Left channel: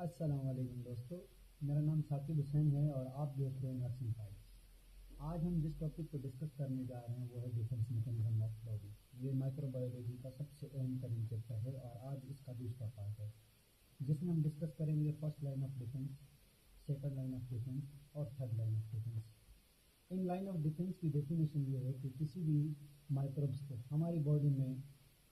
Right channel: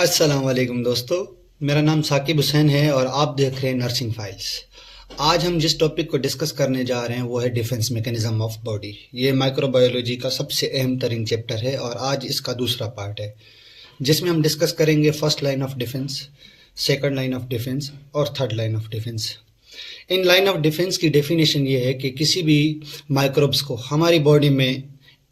अस्सलाम वालेकुम दोस्तों। मेरा नाम साकिब हुसैन है और आप देख रहे हैं नर्सिंग फाइल्स। आज हम जिस टॉपिक को डिस्कस करने जा रहे हैं वो है डिफेंस मैकेनिज्म ऑफ बॉडी। ये माइक्रोबायोलॉजी का सबसे अहम तरीन चैप्टर है और आज इसका दूसरा पार्ट है जिसमें हम डिस्कस करेंगे first line of defence, second line of defence और थर्ड लाइन ऑफ डिफेंस। इन लाइन ऑफ डिफेंस की डेफिनेशन ये है कि किसी भी माइक्रोब्स को हमारी बॉडी में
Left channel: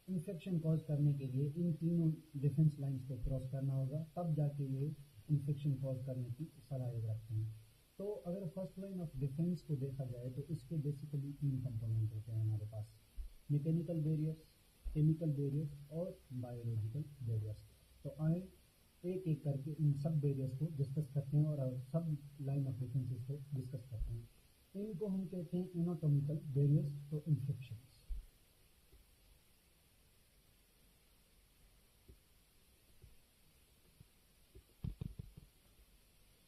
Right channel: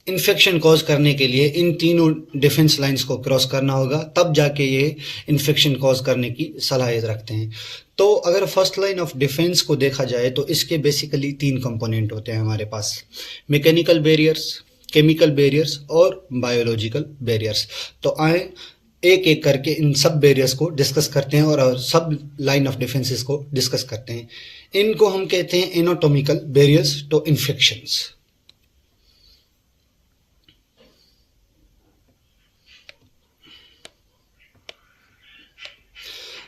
इन्फेक्शन कॉज करने के लिए इन तीनों डिफेंस लाइंस को क्रॉस करना होगा, तब जाके ये इन्फेक्शन कॉज करने की सलाहियत रखते हैं। तो अगर फर्स्ट लाइन ऑफ डिफेंस को देखा जाए तो इसके बेसिकली तीन कंपोनेंट होते हैं हमारे पास: मैकेनिकल बैरियर्स, केमिकल बैरियर्स और बायोलॉजिकल बैरियर्स। तो आए एक एक करके इन सब बैरियर्स को डिस्कस करते हैं और सब लाइन ऑफ डिफेंसेस को डिस्कस करते हैं। इनको हम कहते हैं एनाटॉमिकल बैरियर्स टू इन्फेक्शंस।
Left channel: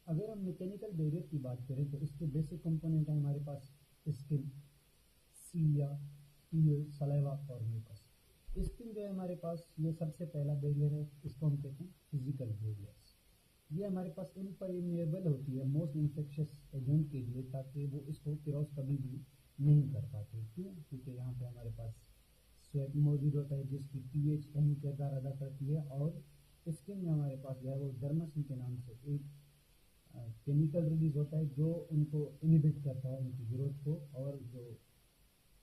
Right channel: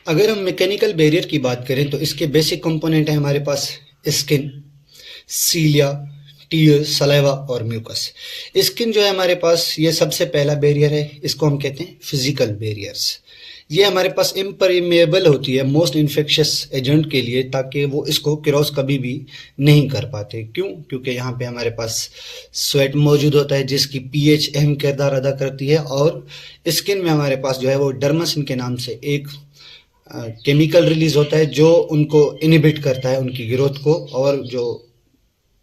अगर हम मैकेनिकल बैरियर की बात करें तो इसके बेसिक कंपोनेंट है हमारे पास स्किन, सीलिया, टीयर, सलाइवा और म्यूकस। स्किन जो है हमारे पास ये सबसे पहला बैरियर है, इसको हम कहते हैं फिजिकल बैरियर्स। ये हमारे पास इम्परमेएबल होती है मोस्ट इन्फेक्शियस एजेंट के लिए, ताकि वो इसको क्रॉस कभी भी नहीं कर पाते। क्यों? क्योंकि यहाँ पे हमारे पास स्वेट मौजूद होता है जिसकी पीएच अहम किरदार अदा करती है, और स्किन में हमारे पास जो है वो डर्मासिन के नाम से एक केमिकल रिलीज होता है जो उनको इनहिबिट करता है उनकी ग्रोथ को, और जो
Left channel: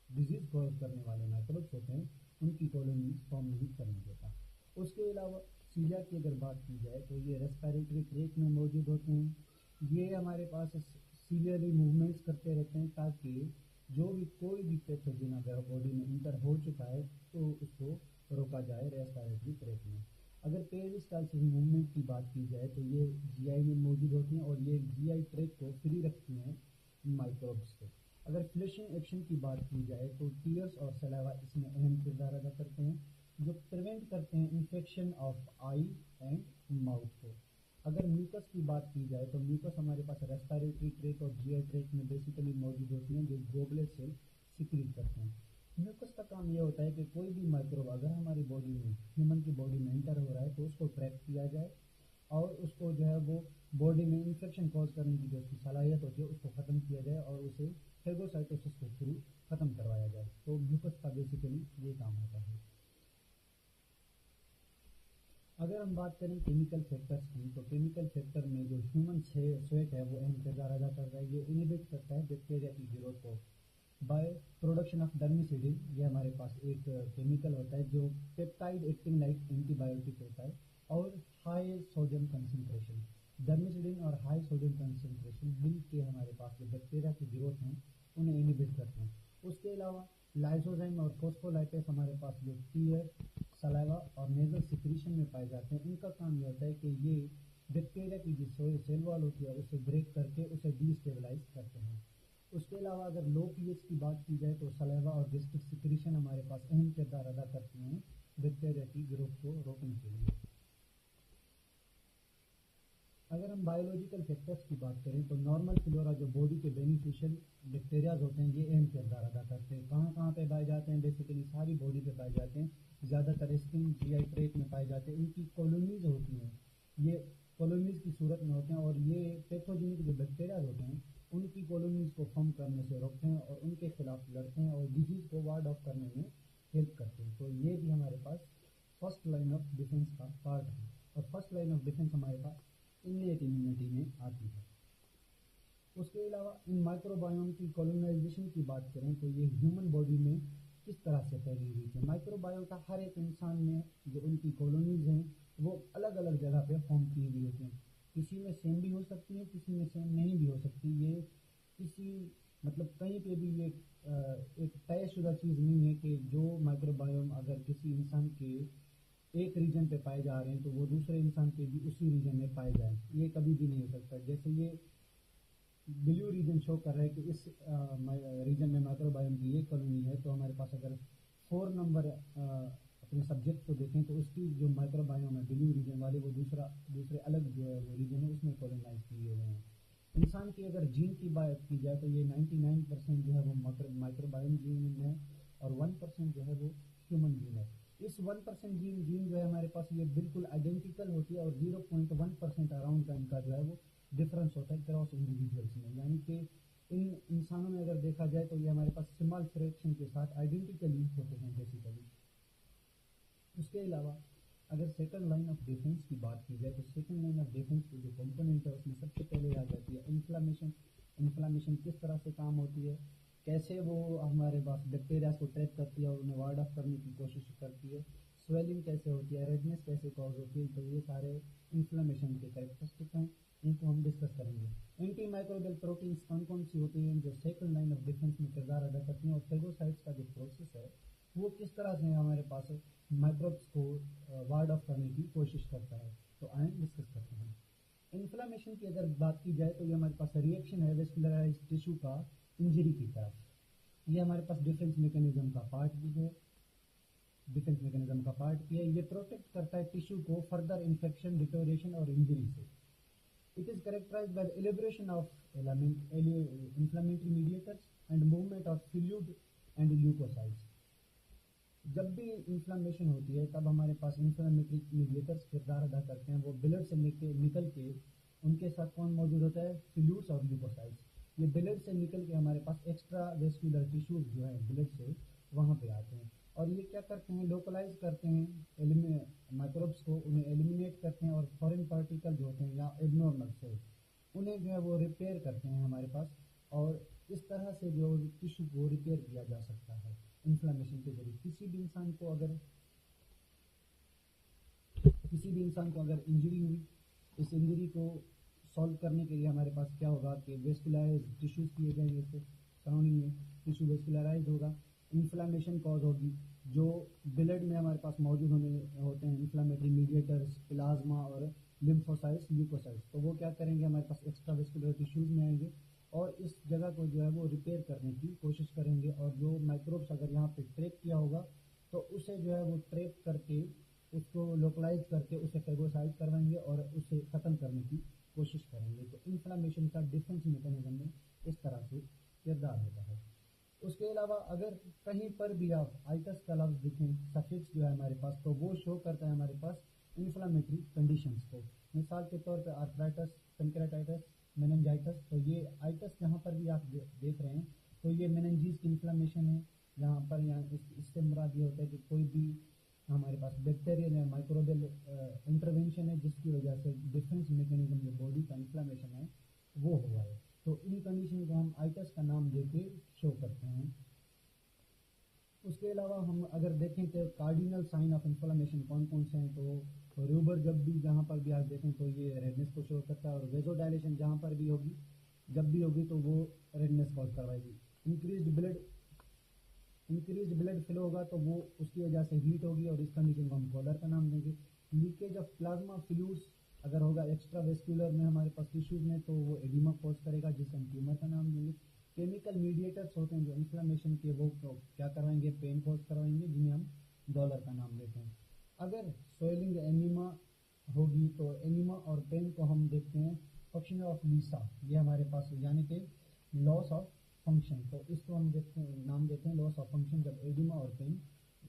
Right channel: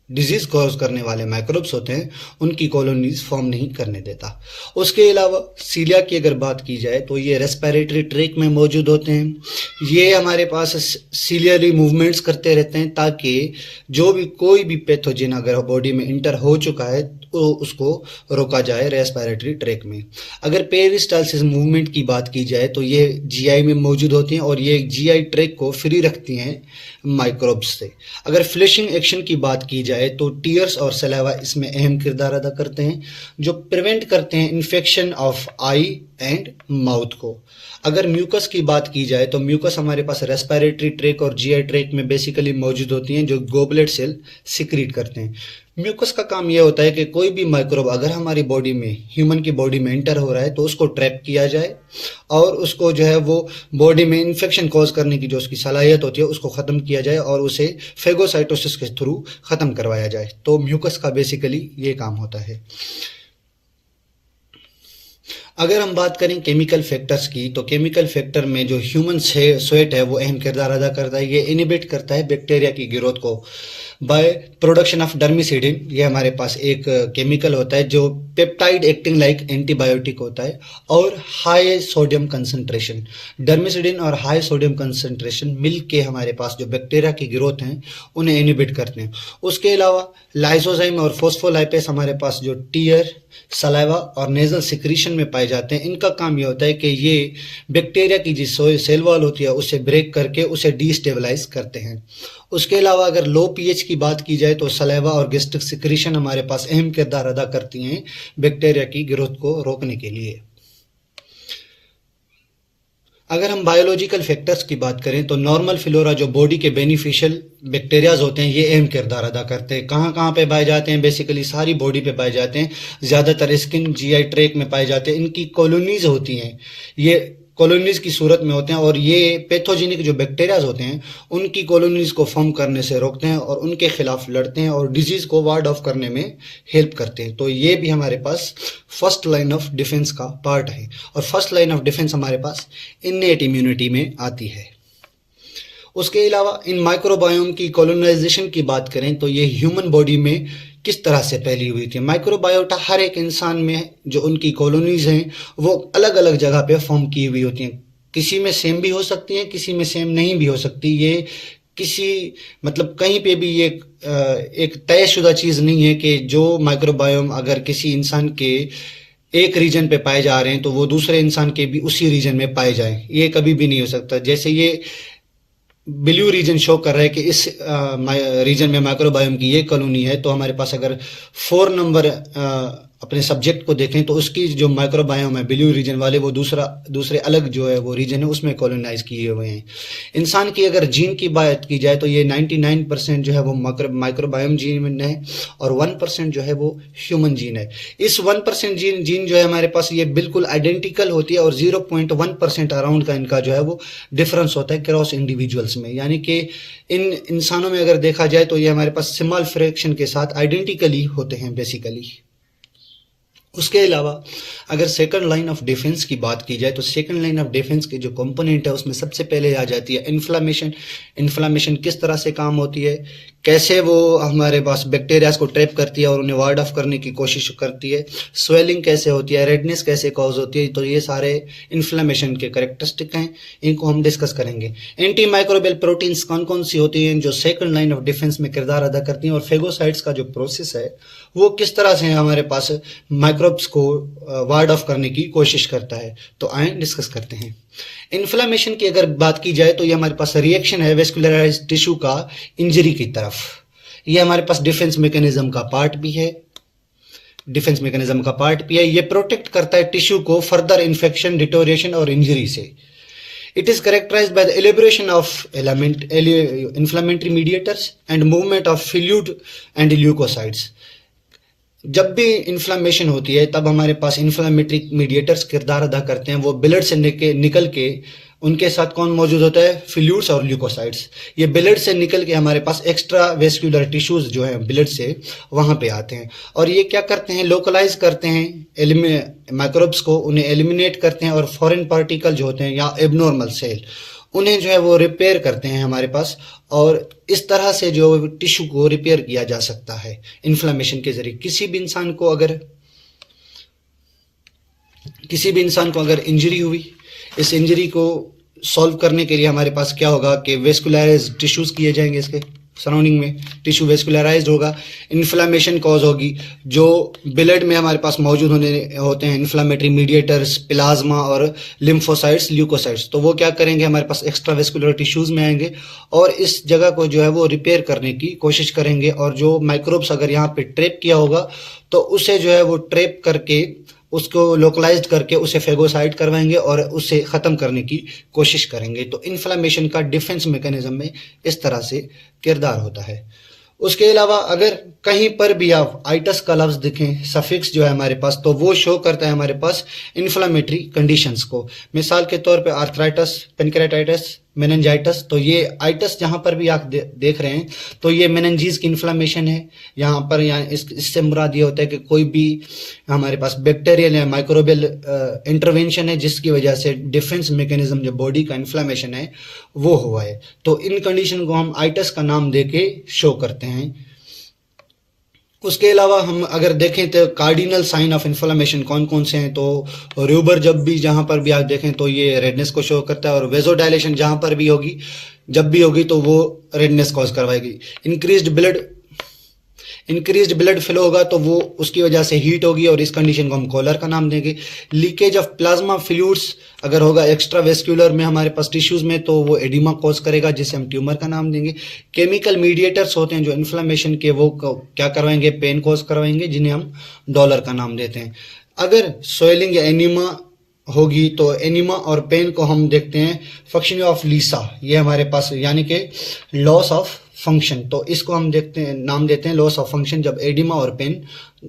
डिजीज कॉज करने वाले माइक्रोब्स होते हैं उनकी कॉलोनीज फॉर्म नहीं करने देता। उसके अलावा सीलिया की अगर बात की जाए तो ये रेस्पिरेटरी ट्रैक में मौजूद होते हैं। ये हमारे पास सीलियरी मूवमेंट्स करते रहते हैं ताकि जो भी कोई भी पैथोजन अगर बॉडी में इंटर हो चुका है तो उसको रोका जाए रेस्पिरेटरी ट्रैक में। अगर पेरिस्टालसिस मूवमेंट की बात की जाए तो ये जीआई में मौजूद होती हैं और ये जीआई ट्रैक को फ्री रखती हैं माइक्रोब्स से। अगर फ्लशिंग एक्शन की बात की जाए तो टीयर्स और सलाइवा इसमें अहम किरदार अदा करते हैं जो प्रिवेंट करते हैं infection of I and mouth को। अगर म्यूकस की बात की जाए तो म्यूकस हमारे पास रेस्पिरेटरी ट्रैक और जीआई ट्रैक में बेसिकली मौजूद होती हैं जो गोबलेट सेल सिक्रीट करते हैं। म्यूकस का काम यह होता है कि कोई भी माइक्रोब अगर हमारी बॉडी में, ह्यूमन की बॉडी में एंटर हो रहा है तो उसको ट्रैप किया जाए और उसको जो है वो बॉडी में इन्फेक्शन कॉज करने की जो उसकी सलाहियत होती है उसको ख़त्म किया जाए और उसे फेगोसाइटोसिस के थ्रू ख़त्म करवाया जाए। तो म्यूकस का बेसिकली ये काम होता है। अगर हम बात करें केमिकल फैक्टर्स की तो केमिकल फैक्टर में जो ह्यूमन स्वेट है वो अहम किरदार अदा करता है। ये इनिबिट करता है बैक्टीरिया की ग्रोथ को बाय प्रोडक्शन ऑफ डर्मिसिडिन। ये हमारे पास एक केमिकल होता है जो पेप्टाइड एक्टिंग लाइक एंटीबायोटिक होता है, और हाई सोडियम कंसंट्रेशन, डर्मिसिडिन और हाई सोडियम कंसंट्रेशन मिल के हमारे पास जो बैक्टीरिया की ग्रोथ हैं उन्हें इनिबिट करते हैं। उसके अलावा लाइसोजाइम और फोस्फोलाइपेस हमारे पास जो टीयर, सलाइवा और नेजल सिक्रीशन में पाए जाते हैं, इनका काम ये होता है कि ये बैक्टीरिया की जो सेल वॉल होती है उसे ब्रेक करके उसे डीस्टेबलाइज करते हैं। उसके अलावा अगर लो पीएच की बात की जाए तो सलाइवा और गैस्ट्रिक सिक्रीशन हमारे पास अहम किरदार अदा करती हैं बैक्टीरिया की ग्रोथ को रोकने के लिए। अगर हम बायोलॉजिकल फैक्टर्स की बात करें तो नॉर्मल फ्लोरा जो बॉडी के बेनिफिशियल बैक्टीरियाज होते हैं ये अहम किरदार अदा करते हैं। कहाँ कहाँ पे पाए जाते हैं? बेसिकली सारी बॉडी पे पाए जाते हैं, ज़्यादातर स्किन, जीआई ट्रैक में पाए जाते हैं। इनकी कॉलोनीज होती हैं, ये कॉलोनीज की सूरत में होते हैं और ये पैथोजेनिक जो बैक्टीरियाज होते हैं उनकी कॉलोनीज को फॉर्म करने से रोकते हैं और उनके खिलाफ लड़ते हैं और डिजीज को वार्ड ऑफ करने में हेल्प करते हैं। तो ये भी हमारे पास फर्स्ट लाइन ऑफ डिफेंस का पार्ट है, और फर्स्ट लाइन ऑफ डिफेंस हमारे पास इन्नेट इम्यूनिटी में आती है। उसके अलावा इन माइक्रोबायोम की कॉलोनाइजेशन की बात करें तो ये ह्यूमन बॉडी में किस तरह से फैली हुई थी। माइक्रोबायोटा हर एक इंसान में जो उनकी कॉलोनीज हैं वो अलग अलग जगह पे फॉर्म की हुई होती हैं। किसी में सेम भी हो सकती हैं, किसी में सेम नहीं भी हो सकती। ये किसी मतलब कहीं पे भी ये एक तयशुदा चीज़ नहीं है कि जो माइक्रोबायोम अगर किसी इंसान के एक रीजन पे पाए जा रहे हैं तो वो दूसरे इंसान के भी उसी रीजन में पाए जाएं, ये कभी भी नहीं हो सकता। जैसे ये ब्लू रीजन शो कर रहा है कि इस रीजन में माइक्रोबायोम की ये कॉलोनी है, तो हमारे पास अगर 4 नंबर अपने सब्जेक्ट को देखें तो उसकी जो माइक्रोबायोम है ब्लू रीजन वाले वो दूसरे अलग जो है वो रीजन है उसमें कॉलोनाइज किए हुए हैं। इंसान की अगर जीन की बात की जाए तो ये 99% जो है वो माइक्रोबायोम जीन है और 1% जो है वो ह्यूमन जीन है। इस 1% जीन जो है हमारे पास ये बिल्कुल आइडेंटिकल होती है और 0.1% अराउंड का इनका जो है वो डिफरेंस होता है क्रॉस इंडिविजुअल्स में, यानी कि इन इंसानों में अगर देखा जाए तो ये हमारे पास स्मॉल फ्रैक्शन के साथ आइडेंटिकली होते हैं बेसिकली। उसके अलावा अगर सेकंड लाइन ऑफ डिफेंस की बात की जाए तो सेकंड लाइन ऑफ डिफेंस के जो कंपोनेंट है उसमें सबसे पहले आ जाती है इन्फ्लामेशन। इन्फ्लामेशन किस तरह से काम होती है, कैसे वो हमारे पास बैक्टीरियाज को ट्रैप करती है और उन्हें वार्ड ऑफ करने की कोशिश करती है, स्वेलिंग कैसे होती है, रेडनेस कैसे कॉज होती है, तो ये सारे इन्फ्लामेशन के कैरेक्टरिस्टिक हैं, इनको हम डिस्कस करेंगे। एंटी माइक्रोबियल प्रोटीन्स कौन कौन सी होती हैं जो सेकंड लाइन ऑफ डिफेंस में किरदार अदा करती हैं, और फेगोसाइट्स का जो प्रोसेस है वो किस तरह से हमारे पास माइक्रोब्स को वार्ड ऑफ करने की कोशिश करता है, तो आए डिस्कस करते हैं। इन्फ्लामेशन की अगर बात की जाए तो ये हमारे पास रिएक्शन है वेस्कुलराइज्ड टिश्यू का इंजरी की तरफ। ये हमारे पास डिफेंस मैकेनिज्म का पार्ट भी है, ये प्रोटेक्ट करता है टिश्यू को फर्दर इन्फेक्शन, डिटोरिएशन और इंजरी से। It is characterized by the elaboration of inflammatory mediators and movement of fluid and leukocytes. जब भी इन्फ्लामेशन होती है तब हमारे पास इन्फ्लामेटरी मीडिएटर्स किरदार अदा करते हैं, वो ब्लड से निकल के उनके साथ कौन मौजूद होता है, फ्लूइड्स और ल्यूकोसाइट्स। ये ब्लड से निकल के हमारे पास एक्स्ट्रा वेस्कुलर टिश्यूज जो हैं ब्लड से वहाँ पे आते हैं और ये क्या करते हैं, लोकलाइज करते हैं माइक्रोब्स को, उन्हें एलिमिनेट करते हैं और फॉरेन पार्टिकल जो होते हैं या एबनॉर्मल सेल उन्हें जो है वो रिपेयर करते हैं हमारे पास, और इस तरह से जो टिश्यू को रिपेयर किया जा सकता है इन्फ्लामेशन के जरिए। किसी भी इंसान को अगर इंजरी हुई, इस इंजरी को सॉल्व करने के लिए हमारे पास क्या होगा कि वेस्कुलराइज टिश्यूज किए जाएंगे, इसके सराउंडिंग में टिश्यू वेस्कुलराइज्ड होगा, इन्फ्लामेशन कॉज होगी, जो ब्लड में हमारे पास मौजूद होते हैं इन्फ्लामेटरी मीडिएटर्स, प्लाज्मा और लिम्फोसाइट्स, ल्यूकोसाइट्स, तो वो क्या करेंगे, हमारे पास एक्स्ट्रा वेस्कुलर टिश्यूज में आएंगे और इस जगह को जो है वो रिपेयर करने की कोशिश करेंगे, और जो माइक्रोब्स अगर यहाँ पे ट्रैप किया होगा तो उसे जो है वो ट्रैप करके उसको लोकलाइज्ड करके उसे फेगोसाइट करवाएंगे और उसे ख़त्म करने की कोशिश करेंगे। तो इन्फ्लामेशन का डिफेंस मैकेनिज्म में इस तरह से किरदार होता है। उसके अलावा अगर कहीं पर भी आप आइटस का लफ्ज़ दिखें, सफिक्स जो है हमारे पास, तो वो शो करता है हमारे पास इन्फ्लामेटरी कंडीशंस को। मिसाल के तौर पे आर्थराइटिस, पेनक्रेटाइटिस, मेनिंजाइटिस, तो ये आइटस जहाँ पर भी आप देख रहे हैं तो ये मेनिंजीज की इन्फ्लामेशन है। यहाँ पर इससे मुराद ये होता है कि कोई भी हमारे पास बैक्टीरियल या माइक्रोबियल इंटरवेंशन है जिसकी वजह से डिफेंस मैकेनिज्म जो बॉडी का इन्फ्लामेशन है वो हुआ है, तो इन कंडीशन को हम आइटस का नाम देके शो करते हैं। उसके अलावा हम अगर देखें तो कार्डिनल साइन ऑफ इन्फ्लामेशन कौन कौन से हैं, तो रूबर जब भी जहाँ पर भी आप देखें तो ये रेडनेस को शो करता है, और वेजोडाइलेशन जहाँ पर भी होगी जब भी होगी तो वो रेडनेस कॉज करवाएगी। इंक्रीज्ड ब्लड फ्लो होगा तो वो उसकी वजह से हीट होगी और इस कंडीशन को हम कॉलर का नाम देंगे। लीकेज ऑफ प्लाज्मा फ्लूइड्स अगर होगा एक्स्ट्रा वेस्कुलर में हमारे पास टिश्यूज में तो वो एडिमा कॉज करेगा जिसे हम ट्यूमर का नाम देंगे। केमिकल मीडिएटर्स होते हैं जो इन्फ्लामेशन के, वो क्या करवाएंगे, पेन कॉज करवाएंगे, जिन्हें हम डॉलर का नाम देते हैं। अगर स्वेलिंग या एनीमा होगी तो एनीमा और पेन को हम देखते हैं फंक्शन ऑफ लीसा, ये हमारे पास यानी कि लॉस ऑफ फंक्शन, तो इसको हम नाम देते हैं लॉस ऑफ फंक्शन जब एडिमा और पेन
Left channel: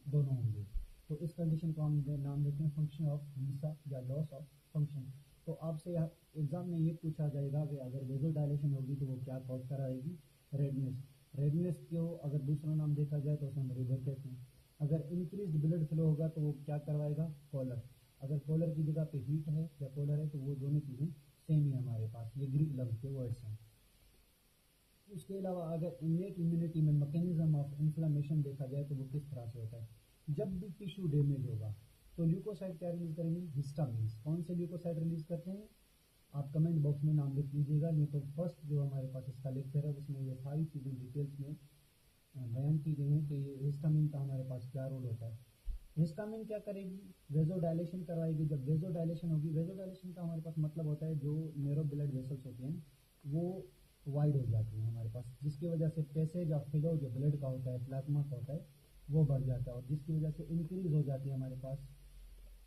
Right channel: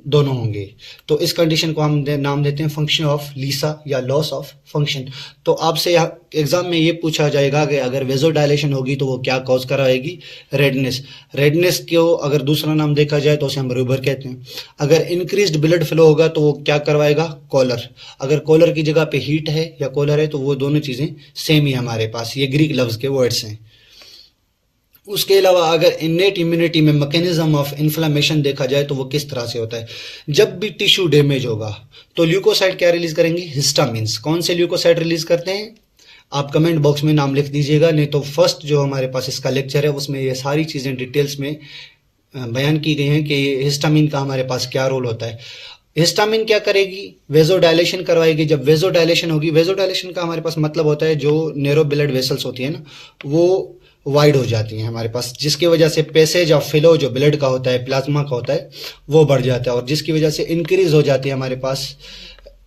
दोनों होंगे, तो इस कंडीशन को हम नाम देते हैं फंक्शन ऑफ लीसा या लॉस ऑफ फंक्शन। तो आपसे एग्जाम में ये पूछा जाएगा कि अगर वेजोडाइलेशन होगी तो वो क्या कॉज कराएगी, रेडनेस को अगर दूसरा नाम देखा जाए तो उसे हम रूबर कहते हैं। अगर इंक्रीज्ड ब्लड फ्लो होगा तो वो क्या करवाएगा, कॉलर। अगर कॉलर की जगह पे हीट है या कॉलर है तो वो दोनों चीज़ें सेम ही हमारे पास, ये ग्रीक लफ्ज़ के वर्ड्स हैं। उसके अलावा अगर इन्नेट इम्यूनिटी में मैकेनिज्म ऑफ इन्फ्लामेशन देखा जाए तो वो किस तरह से होता है, जब भी टिश्यू डैमेज होगा तो ल्यूकोसाइट क्या रिलीज करेंगे, हिस्टामिन्स। कौन से ल्यूकोसाइट रिलीज करते हैं, आप कमेंट बॉक्स में नाम लिख दीजिएगा, नहीं तो फर्स्ट जो हमारे पास इसका लेक्चर है उसमें ये सारी चीज़ें डिटेल्स में बयान की गई हैं कि हिस्टामिन का हमारे पास क्या रोल होता है। हिस्टामिन क्या करेगी, वेजोडाइलेशन करवाएगी। जब वेजोडाइलेशन होगी, वेजोडाइलेशन का हमारे पास मतलब होता है जो नैरो ब्लड वेसल्स होती है ना, वो वाइड हो जाती हैं हमारे पास, जिसकी वजह से पैसेज ऑफ फ्लो जो ब्लड का होता है, प्लाज्मा का होता है, वो बढ़ जाता है, और जिसकी वजह से इंक्रीज हो जाती है हमारे पास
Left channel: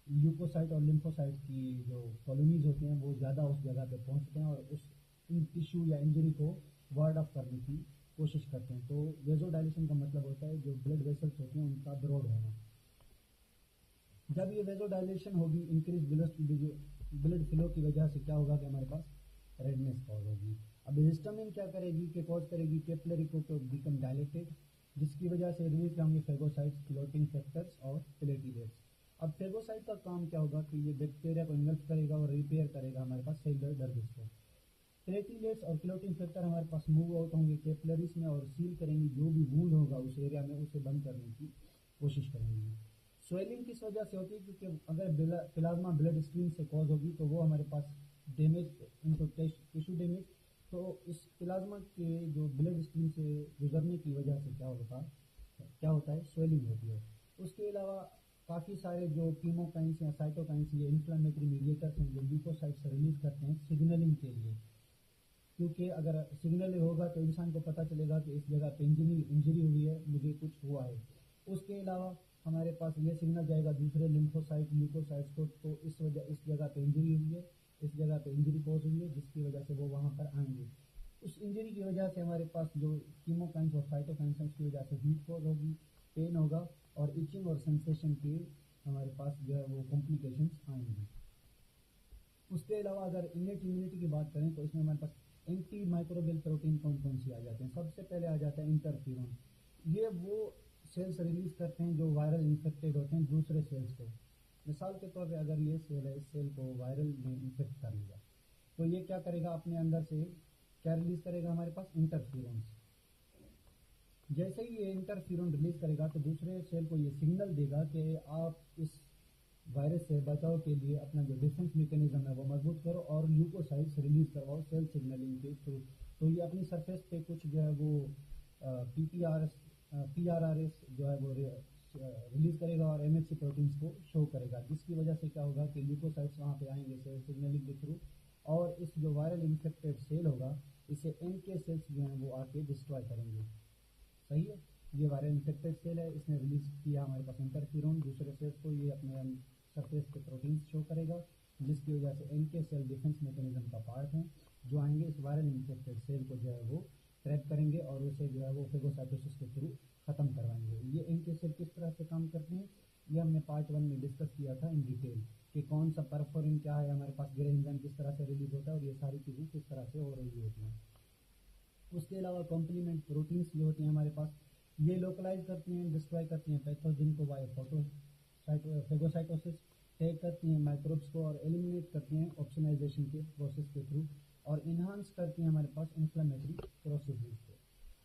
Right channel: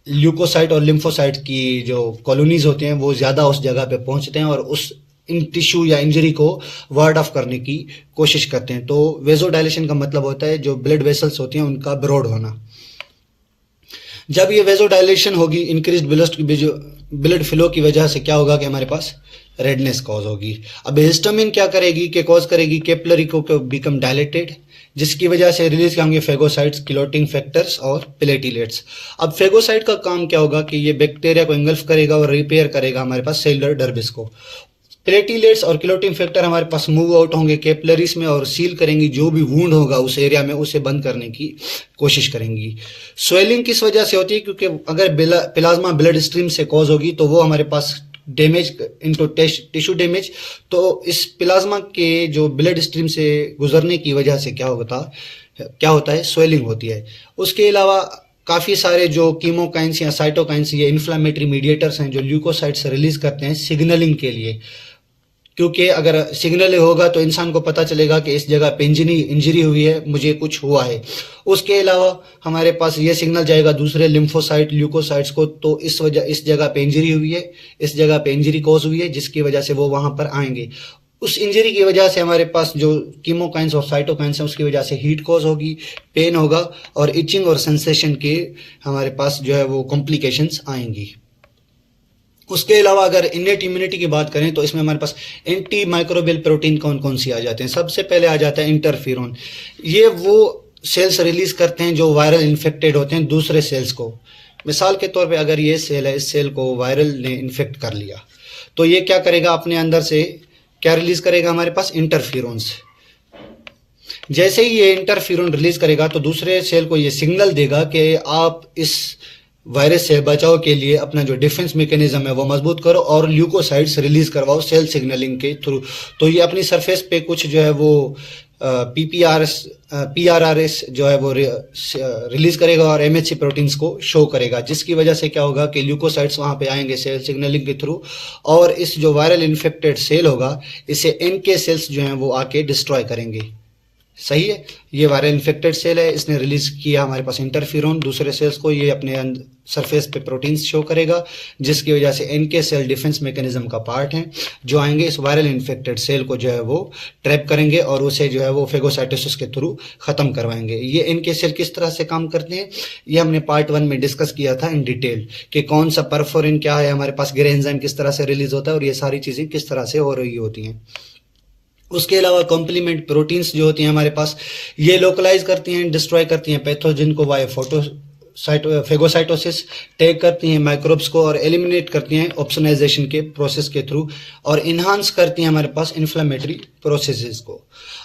ल्यूकोसाइट और लिम्फोसाइट की जो कॉलोनीज होते हैं, वो ज़्यादा उस जगह पे पहुंचते हैं और उस इन टिश्यू या इंजरी को वार्ड ऑफ करने की कोशिश करते हैं। तो वेजोडाइलेशन का मतलब होता है जो ब्लड वेसल्स होती हैं उनका ब्रॉड होना। जब ये वेजोडाइलेशन होगी, इंक्रीज ब्लड फ्लो की वजह से क्या होगा कि हमारे पास रेडनेस कॉज होगी। अब हिस्टामिन क्या करेगी कि कॉज करेगी कैपिलरी को बिकम डायलेटेड, जिसकी वजह से रिलीज होंगे फेगोसाइट्स, क्लोटिंग फैक्टर्स और प्लेटिलेट्स। अब फेगोसाइट का काम क्या होगा कि ये बैक्टीरिया को इंगल्फ करेगा और रिपेयर करेगा हमारे पास सेलुलर डर्बिस को। प्लेटिलेट्स और क्लोटिंग फैक्टर हमारे पास मूव आउट होंगे कैपिलरीज में और सील करेंगी जो भी वूंड होगा उस एरिया में, उसे बंद करने की कोशिश करेंगी। स्वेलिंग किस वजह से होती है? क्योंकि अगर प्लाज्मा ब्लड स्ट्रीम से कॉज होगी तो वो हमारे पास डैमेज इनटू टिश्यू डैमेज, तो इस प्लाज्मा के जो ब्लड स्ट्रीम से गुजरने की वजह से क्या होता है, स्वेलिंग होती है। उसके अलावा काफ़ी सारे जो कीमोकाइंस या साइटोकाइंस, ये इन्फ्लामेटरी मीडिएटर्स हैं जो ल्यूकोसाइट्स रिलीज करते हैं सिग्नलिंग के लिए, क्योंकि अगर सिग्नल होगा तो इंसान को पता चलेगा कि इस जगह पे इंजरी हुई है, मुझे कुछ हुआ है। उसके अलावा हमारे पास ये सिग्नल जाएगा दूसरे लिम्फोसाइट ल्यूकोसाइट्स को, तो इस जगह पे इंजरी हुई है, इस जगह पे इंजरी कॉज हुई है, जिसकी वजह से वो वहां पर आएंगे। उस इंजरी की वजह से हमारे पास जो कीमोकाइंस और साइटोकाइंस हैं उसकी वजह से हीट कॉज होगी, पेन होगा और इचिंग और सेंसेशन के हमारे पास जो है वो कॉम्प्लिकेशंस आएंगी। उसके अलावा अगर इनेट इम्यूनिटी की बात करें तो इसमें हमारे पास एंटी माइक्रोबियल प्रोटीन कौन कौन सी आ जाते हैं। सबसे पहले आ जाता है इंटरफेरोन। ये वो सेल्स रिलीज करते हैं जो वायरल इन्फेक्टेड होते हैं दूसरे सेल्स को। मिसाल के तौर पे अगर ये सेल है, इस सेल को वायरल ने इन्फेक्ट कर लिया तो ये क्या करेगा, अपने अंदर से क्या रिलीज करेगा, हमारे पास इंटरफेरोन्स। जैसे ही ये इंटरफेरोन रिलीज करेगा तो दूसरे सेल को ये सिग्नल देगा कि आप इस वायरस से बचाव के लिए अपना जो डिफेंस मैकेनिज्म है वो मजबूत करो और ल्यूकोसाइट्स रिलीज करवाओ सेल सिग्नलिंग के थ्रू। तो ये अपनी सरफेस पे कुछ जो है वो पीआरआरएस जो है वो रिलीज करेगा और एमएचसी प्रोटीन्स को शो करेगा, जिसकी वजह से क्या होगा कि ल्यूकोसाइट्स वहां पे आएंगे सेल सिग्नलिंग के थ्रू, और इस जो वायरल इन्फेक्टेड सेल होगा इसे एनके सेल्स जो हैं वो आके डिस्ट्रॉय करेंगे। सही है, ये वायरल इन्फेक्टेड सेल है, इसने रिलीज किया हमारे पास इंटरफेरोन दूसरे सेल्स को, ये अपने सरफेस पे प्रोटीन्स शो करेगा, जिसकी वजह से एनके सेल डिफेंस मैकेनिज्म का पार्ट है, जो आएंगे इस वायरल इन्फेक्टेड सेल को जो है वो ट्रैप करेंगे और उसे जो है वो फेगोसाइटोसिस के थ्रू खत्म करवाएंगे। ये एनके सेल किस तरह से काम करते हैं ये हमने पार्ट 1 में डिस्कस किया था इन डिटेल, कि कौन सा परफोरिन क्या है, हमारे पास ग्रे एंजाइम किस तरह से रिलीज होता है और ये सारी चीजें किस तरह से हो रही होती हैं। उसके अलावा कॉम्प्लीमेंट प्रोटीन्स जो होती हैं हमारे पास, ये लोकलाइज करती हैं, डिस्ट्रॉय करती हैं पैथोजन को वाया फेगोसाइटोसिस, टैग करती हैं माइक्रोब्स को और एलिमिनेट करती हैं ऑप्सोनाइजेशन के प्रोसेस के थ्रू, और इन्हांस करती हैं हमारे पास इन्फ्लेमेटरी प्रोसेसेस को।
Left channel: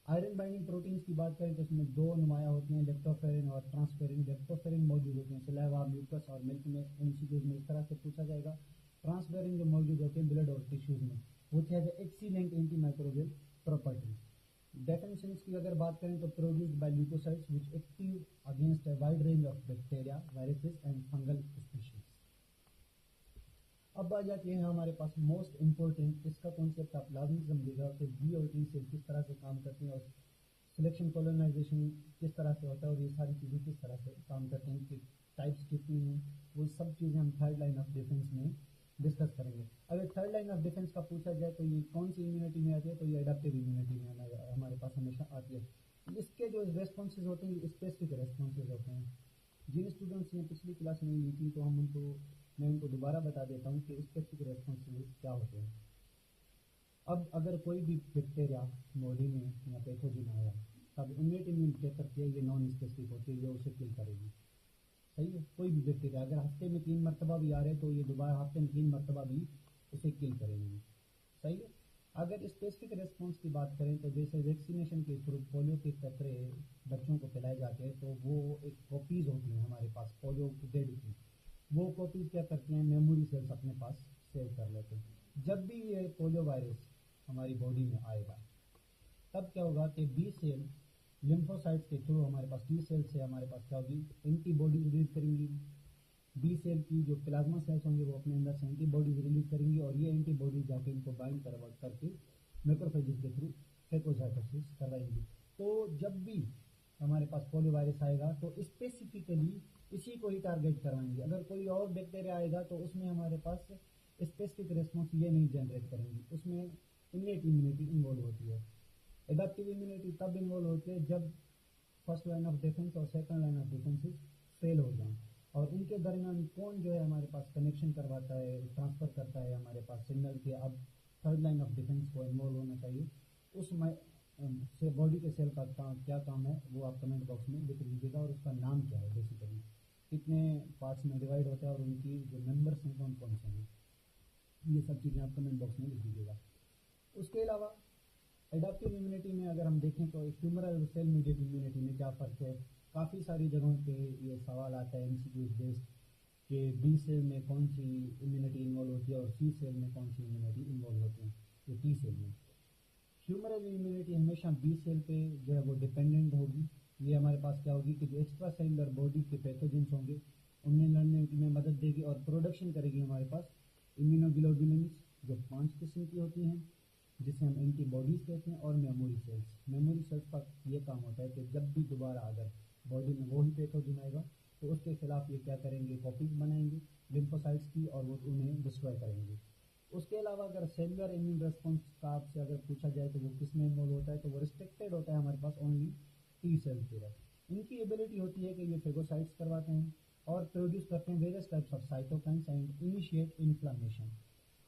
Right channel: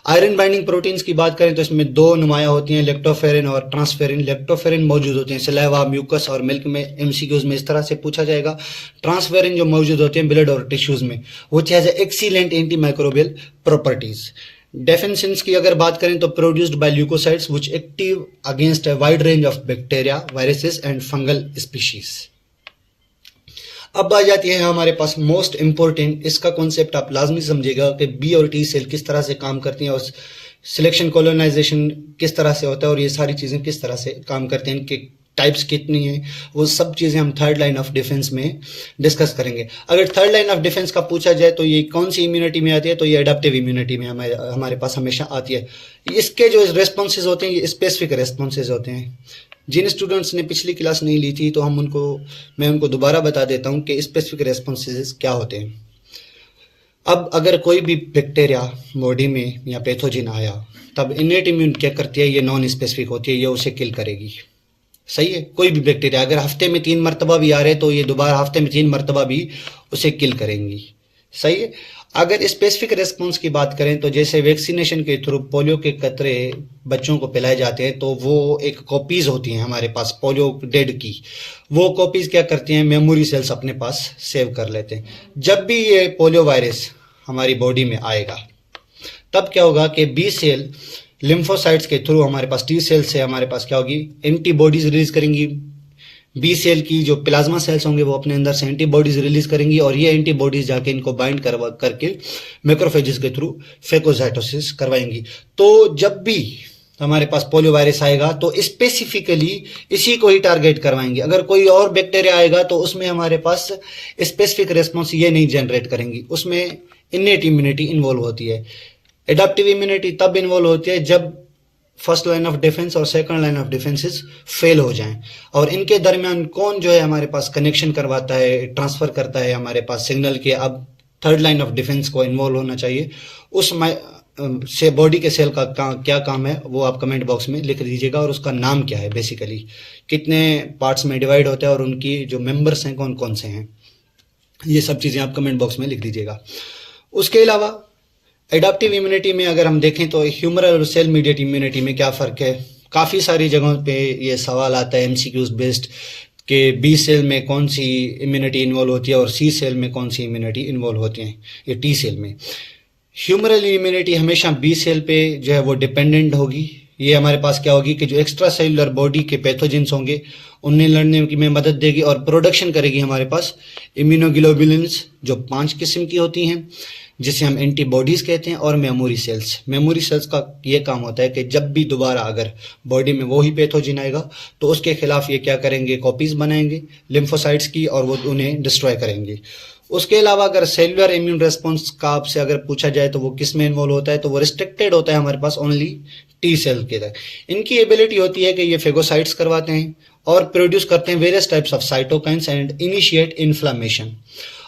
आयरन बाइंडिंग प्रोटीन्स की बात करें तो इसमें दो नुमाया होती हैं, लेक्टोफेरिन और ट्रांसफेरिन। लेक्टोफेरिन मौजूद होते हैं सलाइवा, म्यूकस और मिल्क में, एमसीक्यूज में इस तरह से पूछा जाएगा। ट्रांसफेरिन जो मौजूद होते हैं ब्लड और टिश्यूज में, which has excellent antimicrobial properties. Definitions की अगर बात करें तो produced by leucocytes which active against a wide range of bacteria, viruses and fungal species. अब आ जाती है हमारे पास मोस्ट इंपॉर्टेंट, इसका कॉन्सेप्ट आप लाजमी समझिएगा कि बी और टी सेल किस तरह से काम करती हैं और सिलेक्शन कॉलोनाइजेशन किस तरह से होता है और ये सारी चीज़ें किस तरह से काम करते हैं, इनके टाइप्स कितनी हैं, वो सब चीज़ें हम थर्ड लाइन ऑफ डिफेंस में डिस्कस करेंगे। अगर थर्ड लाइन ऑफ डिफेंस का पूछा जाए तो ये कौन सी इम्यूनिटी में आती है, तो ये एडाप्टिव इम्यूनिटी में हमारे पास हमेशा आती है। इसके जो रेस्पॉन्सेज होते हैं ये स्पेसिफिक रेस्पॉन्सेज होते हैं। जिन स्टूडेंट्स ने पिछली क्लास नहीं ली थी तो मैं उनको दोबारा बता देता हूँ कि स्पेसिफिक रेस्पॉन्सेज क्या होते हैं। अब अगर कोई भी बैक्टीरिया बॉडी में या पैथोजन आया तब इनेट इम्यून क्या करती है, ये नॉन स्पेसिफिक होती है, ये उसे किल करेगी। सही है, कोई भी बैक्टीरिया अगर हफ्ते में 3 मरतबा भी आ रहे तो ये दोबारा हफ्ते में 3 मरतबा भी उसे किल करेंगी। सही है। अगर स्पेसिफिक रेस्पॉन्स की बात करें तो जैसे वैक्सीनेशन के थ्रू पोलियो के कतरे बच्चों को पिलाए जाते हैं तो वो एक कॉपीज होती हैं हमारे पास पोलियो डेड की, वो कॉपीज क्या करती हैं, मेमोरी सेल्स अपने पास सेव कर लेते हैं। जब भी ये पोलियो वायरस हमारी बॉडी में आएगा तब क्या होगा कि बी सेल लिम्फोसाइट्स के थ्रू हमारे पास टी सेल से हमारे पास क्या होगी, एंटीबॉडीज रिलीज करेंगी, बी सेल की जो प्लाज्मा सेल्स होंगे वो अपने अंदर से एंटीबॉडीज रिलीज करेंगी और ये एंटीबॉडीज जाके इनको बाइंड करके मैक्रोफेजेस के थ्रू फेगोसाइटोसिस करवाएंगी। तो जब भी हमारे पास पोलियो वायरस आएगा तो स्पेसिफिकली इसी को ही टारगेट करवाएंगे। अगर कोई और बैक्टीरिया आएगा तो उसमें हमारे पास स्पेसिफिक रिस्पॉन्स ये नहीं जनरेट करेंगी, उसमें इनेट इम्यूनिटी इन्वॉल्व होती है। एडाप्टिव इम्यूनिटी तब इन्वॉल्व होती है जब फर्स्ट लाइन ऑफ डिफेंस और second line of defences fail हो जाएं, और इनके दरमियान कौन जो है हमारे पास कनेक्शन करवाता है, ट्रांसफर करता है हमारे पास सिग्नल के, अब थर्ड लाइन ऑफ डिफेंस को इन्वॉल्व होना चाहिए। उस से बॉडी के सेल का क्या काम है वो आप कमेंट बॉक्स में लिख दीजिएगा, और उसका नाम क्या है, बेसिकली कितने पार्ट्स में डिवाइड होता है और उनकी जो मेंबर्स हैं कौन कौन से हैं, ये सब चीज़ें आप कमेंट बॉक्स में लिख दीजिएगा। उसके अलावा एडाप्टिव इम्यूनिटी में अगर हम देखें तो ह्यूमरल और सेल मीडिएट इम्यूनिटी में क्या फ़र्क है, काफ़ी सारी जगहों पे ये सवाल आता है एमसीक्यूज बेस्ड कि बी सेल में कौन सी इम्यूनिटी इन्वॉल्व होती है और सी सेल में कौन सी इम्यूनिटी इन्वॉल्व होती है, ये टी सेल में। ह्यूमरल इम्यूनिटी हमेशा बी सेल पे जो है वो डिपेंडेंट होगी। ये हमारे पास क्या होगी कि जो एक्स्ट्रा सेलुलर बॉडी के पैथोजेंस होंगे उन्हें लड़ने में मदद देगी और प्रोडक्शन करेगी हमारे पास इम्यूनोग्लोबुलिन्स जो 5 किस्म की होती हैं, जिसे हम एंटीबॉडीज़ कहते हैं, और मेमोरी सेल्स। मेमोरी सेल्स का ये काम होता है कि जब भी दोबारा अगर बॉडी में वही पैथोजन आएगा तो उसके खिलाफ ये क्या करेंगे, कॉपीज़ बनाएंगे लिम्फोसाइट्स की और वो उन्हें डिस्ट्रॉय करेंगे। उसके अलावा अगर सेलुलर इम्यून रेस्पॉन्स का आपसे अगर पूछा जाए तो वो किस में इन्वॉल्व होता है, तो वो रिस्ट्रिक्टेड होता है हमारे पास ओनली टी सेल के तक। इनकी एबिलिटी होती है कि ये फेगोसाइट्स करवाते हैं और प्रोड्यूस करते हैं various types of cytokines and initiate inflammation.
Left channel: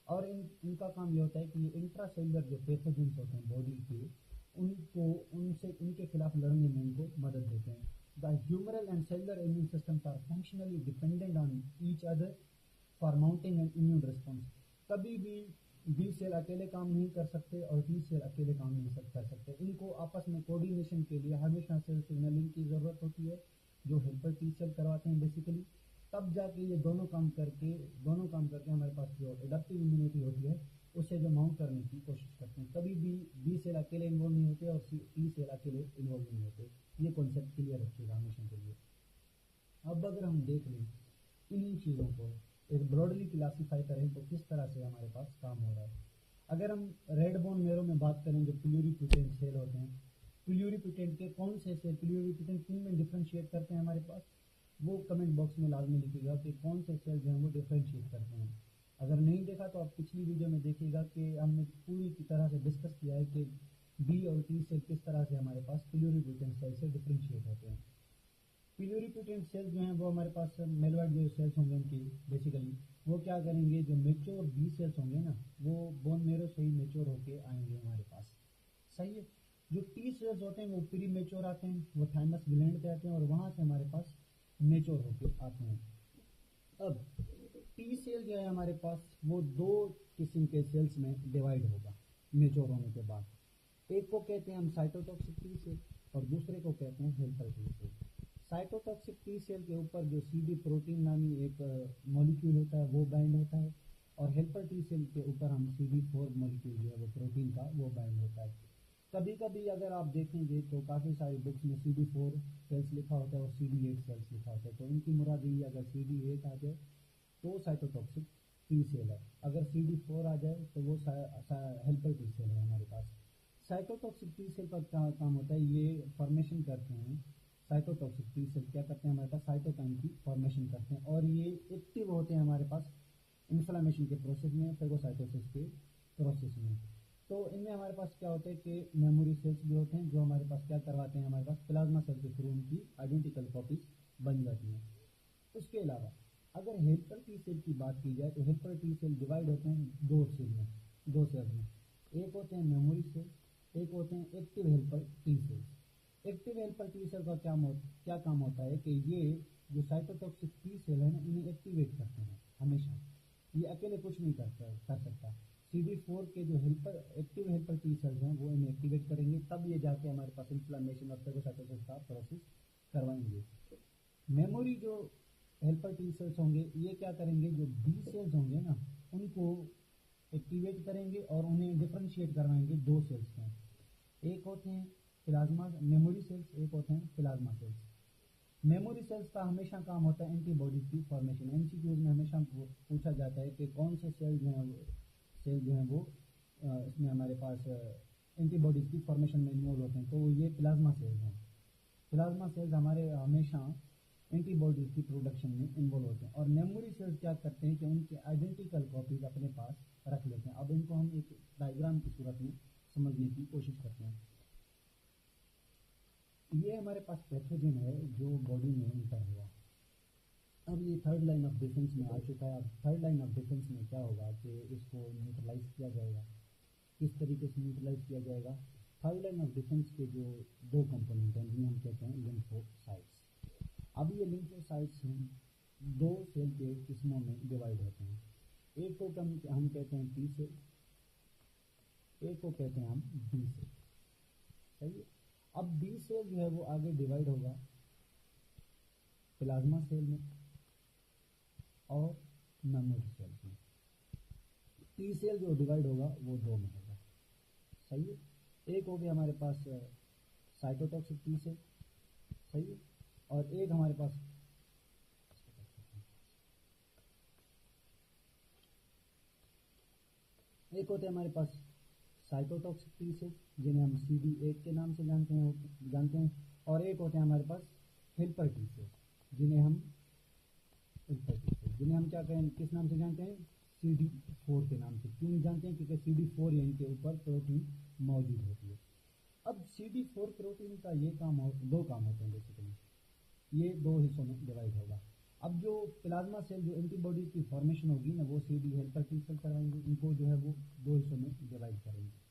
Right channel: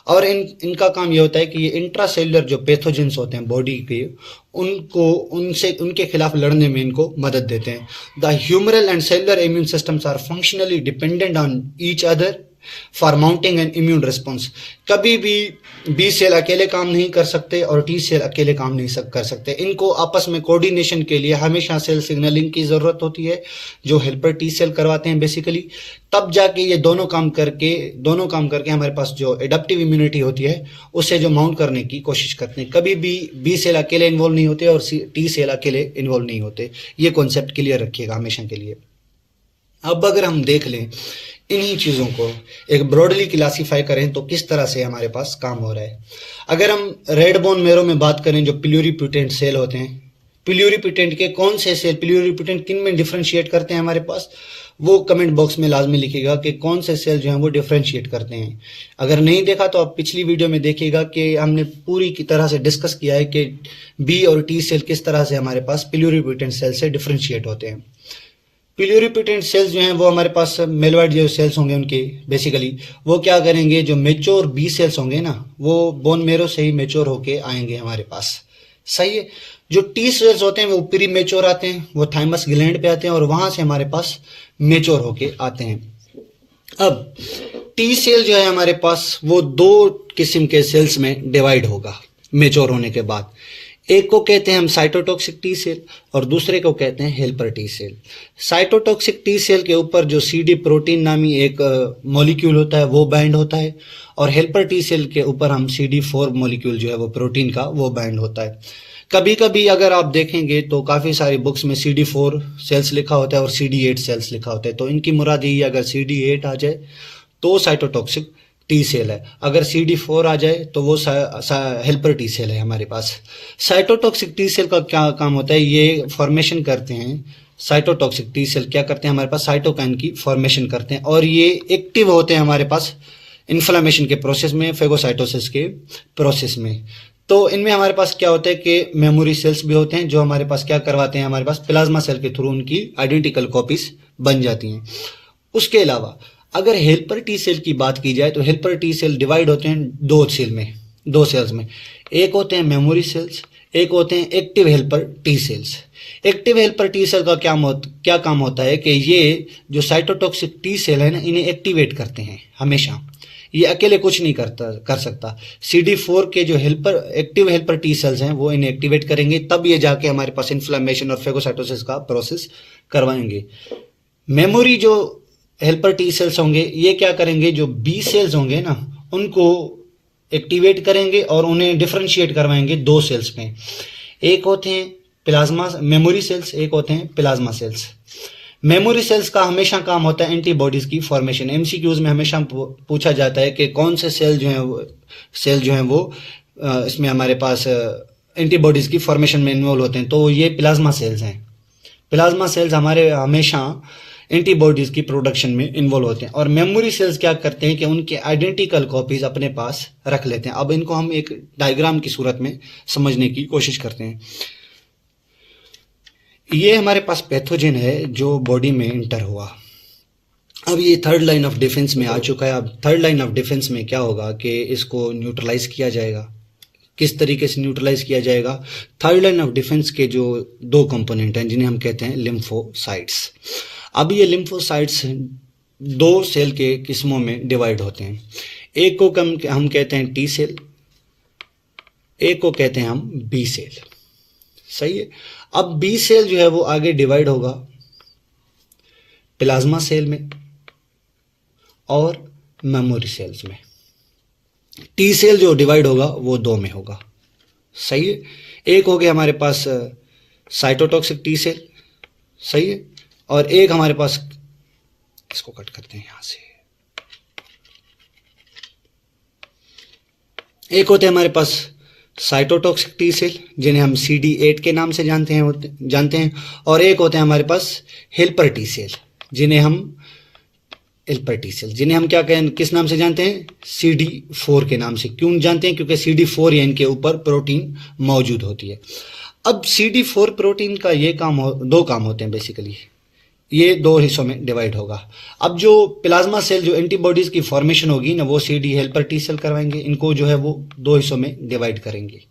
और इनका काम ये होता है कि ये इंट्रासेलुलर जो पैथोजेंस होते हैं बॉडी के, उनके खिलाफ लड़ने में इनको मदद देते हैं। The humoral and cellular immune systems are functionally dependent on each other for mounting an immune response. कभी भी बी सेल अकेले काम नहीं कर सकते और टी सेल अकेले काम नहीं कर सकते। इनको आपस में कोऑर्डिनेशन के लिए हमेशा सेल सिग्नलिंग की ज़रूरत होती है, जो हेल्पर टी सेल करवाते हैं बेसिकली। तब जाके ये दोनों काम करके हमारे पास जो एडाप्टिव इम्यूनिटी होती है उसे जो माउंट करने की कोशिश करते हैं। कभी भी बी सेल अकेले इन्वॉल्व नहीं होते और टी सेल अकेले इन्वॉल्व नहीं होते। ये कॉन्सेप्ट क्लियर रखिएगा हमेशा के लिए। अब अगर हम देख लें इन्हीं चीज़ों को एक ब्रॉडली क्लासीफाई करें तो किस तरह से हमारे पास काम हो रहा है। अगर हम रेड बोन मेरो में बात करें, जो प्लूरीपोटेंट सेल होते हैं, प्लूरीपोटेंट के कौन से सेल प्लूरीपोटेंट किन में डिफ्रेंशिएट करते हैं हमारे पास, वो कमेंट बॉक्स में लाजमी लिखिएगा कि कौन से सेल जो हैं वो डिफ्रेंशिएट करते हैं। अगर नहीं देखा तो आप पिछली वीडियो में देखिएगा कि हमने पूरी की तरह से डिस्कस किया है कि बी और टी सेल किस तरह से हमारे पास प्लूरीपोटेंट सेल से डिफ्रेंशिएट होते हैं। प्लूरीपोटेंट सेल्स जो हैं वो हमारे पास मेलवाइड जो सेल्स होंगे उनके बेसिकली वो क्या करेंगे, जो मेच्योर बी सेल्स होंगे ना वो बोन मेरो से ही मेच्योर होके आएंगे हमारे पास, सही है। जो टी सेल्स होते हैं वो प्री मेच्योर आते हैं, वो थाइमस ग्लैंड पे आते हैं और वहां से हमारे पास मेच्योर होके आते हैं। अब टी सेल जो है हमारे पास वो 2 किस्म के सेल्स में डिवाइड होगा मेच्योर होने के बाद। एक को कहते हैं हम साइटोटॉक्सिक टी सेल और दूसरे को कहते हैं helper T cell. Cytotoxic T cell के ऊपर जो CD प्रोटीन नामी एक मॉलिक्यूल होता है वो बाइंड होता है, और हेल्पर टी सेल के ऊपर हम CD4 मॉलिक्यूल जो है वो प्रोटीन का वो बाइंड होता है। कभी कभी अगर आप देखेंगे तो काफ़ी सारी बुक्स में CD4 सेल्स लिखा होता है और CD8 सेल्स लिखा होता है, तो इनकी मुराद यही है अगर CD8 आ जाए तो साइटोटॉक्सिक टी सेल है, अगर CD4 आ जाए तो वो हेल्पर टी सेल है हमारे पास। साइटोटॉक्सिक टी सेल का क्या काम होता है, ये फॉर्मेशन करते हैं। साइटोटॉक्सिक टी सेल क्या करते हैं हमारे पास, साइटोकाइन की फॉर्मेशन करते हैं और ये एक्टिव होते हैं हमारे पास इन्फ्लामेशन के प्रोसेस में, फेगोसाइटोसिस के प्रोसेस में। तो इनमें हमारे पास क्या होता है कि मेमोरी सेल्स भी होते हैं जो हमारे पास क्या करवाते हैं, हमारे पास प्लाज्मा सेल के थ्रू उनकी आइडेंटिकल कॉपीज बन जाती हैं। उसके अलावा अगर हेल्पर टी सेल की बात की जाए तो हेल्पर टी सेल डिवाइड होते हैं 2 सेल्स में। एक होते हैं मेमोरी सेल्स, एक होते हैं active helper T cells. Active helper T cell का क्या काम होता है कि ये जो साइटोटॉक्सिक टी सेल है ना इन्हें एक्टिवेट करते हैं हमेशा, ये अकेले कुछ नहीं कर सकता। CD4 के जो एक्टिव हेल्पर टी सेल्स हैं वो इन्हें एक्टिवेट करेंगे, तब ये जाके हमारे पास इन्फ्लामेशन और फेगोसाइटोसिस का प्रोसेस करवाएंगे। मेमोरी जो हेल्पर टी सेल्स होंगे ये क्या करेंगे, जो बी सेल्स होंगे ना उनको एक्टिवेट करेंगे और उन्हें डिफरेंशिएट करवाएंगे 2 सेल्स में। एक होते हैं प्लाज्मा मेमोरी सेल्स, एक होते हैं प्लाज्मा सेल्स। मेमोरी सेल्स का हमेशा काम होता है एंटीबॉडीज की फॉर्मेशन। एमसीक्यूज में हमेशा पूछा जाता है कि कौन से सेल जो हैं वो इसमें हमारे पास एंटीबॉडीज की फॉर्मेशन में इन्वॉल्व होते हैं, तो ये प्लाज्मा सेल्स हैं। प्लाज्मा सेल्स हमारे हमेशा एंटीबॉडीज की प्रोडक्शन में इन्वॉल्व होते हैं। और मेमोरी सेल्स क्या करते हैं कि उनके आइडेंटिकल कॉपीज अपने पास रख लेते हैं। अब इनको हम एक डायग्राम की सूरत में समझने की कोशिश करते हैं। ये हमारे पास पैथोजन है जो बॉडी में इंटर हुआ। अब ये थर्ड लाइन ऑफ डिफेंस में आ चुका है। अब थर्ड लाइन ऑफ डिफेंस में क्या होगा कि इसको न्यूट्रलाइज किया जाएगा। किस तरीके से न्यूट्रलाइज किया जाएगा? थर्ड लाइन ऑफ डिफेंस के जो दो कंपोनेंट हैं जिन्हें हम कहते हैं लिम्फोसाइट्स। अब ये लिम्फोसाइट्स दो सेल के किस्मों में डिवाइड होते हैं। एक को हम कहते हैं टी सेल, एक को कहते हैं हम बी सेल। सही है। अब बी सेल जो है वो आगे डिवाइड होगा प्लाज्मा सेल में और मेमोरी सेल्स में। टी सेल जो डिवाइड होगा वो दो में होगा। सही है। एक हो गया हमारे पास साइटोटॉक्सिक टी सेल, सही है, और एक हमारे पास, इसको कट करते हैं यहां से, एक होते हैं हमारे पास साइटोटॉक्सिक टी सेल जिन्हें हम CD8 के नाम से जानते हैं, और एक होते हैं हमारे पास हेल्पर टी सेल जिन्हें हम क्या कहें, किस नाम से जानते हैं? CD4 के नाम से। क्यों जानते हैं? क्योंकि CD4 या इनके ऊपर प्रोटीन मौजूद होती है। अब CD4 प्रोटीन का ये दो काम होते हैं बेसिकली। ये दो हिस्सों में डिवाइड होगा। अब जो प्लाज्मा सेल जो एंटीबॉडीज की फॉर्मेशन होगी ना, वो CD हेल्पर टी सेल करवाएंगे। इनको जो है वो दो हिस्सों में डिवाइड करेंगे।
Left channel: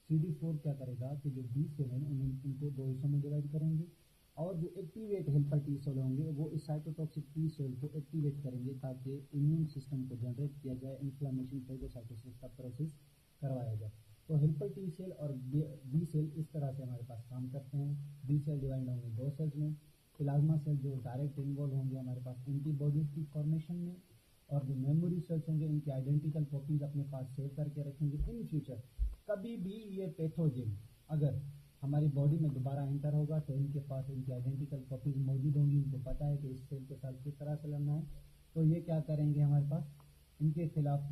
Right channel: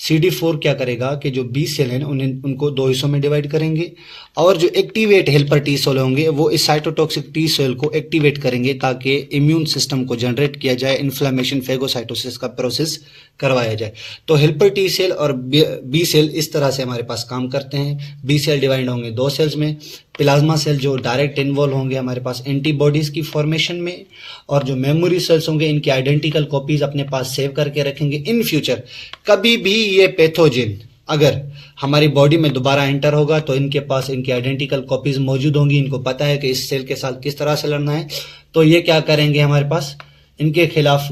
CD4 क्या करेगा कि जो बी सेल है ना उनको दो हिस्सों में डिवाइड करेंगे, और जो एक्टिवेट हेल्पर टी सेल होंगे वो इस साइटोटॉक्सिक टी सेल को एक्टिवेट करेंगे ताकि इम्यून सिस्टम को जनरेट किया जाए, इन्फ्लेमेशन फेगोसाइटोसिस का प्रोसेस करवाया जाए। तो हेल्पर टी सेल और बी सेल इस तरह से हमारे पास काम करते हैं। बी सेल डिवाइड होंगे दो सेल्स में, प्लाज्मा सेल जो डायरेक्ट इन्वॉल्व होंगे हमारे पास एंटीबॉडीज की फॉर्मेशन में, और जो मेमोरी सेल्स होंगे इनकी आइडेंटिकल कॉपीज अपने पास सेव करके रखेंगे। इन फ्यूचर कभी भी ये पैथोजन अगर हमारी बॉडी में दोबारा एंटर होगा तो इनके पास इनकी आइडेंटिकल कॉपीज मौजूद होंगी। इनको पता है कि इस सेल के साथ किस तरह से लड़ना है, तो ये क्या करेंगे, हमारे पास इनके खिलाफ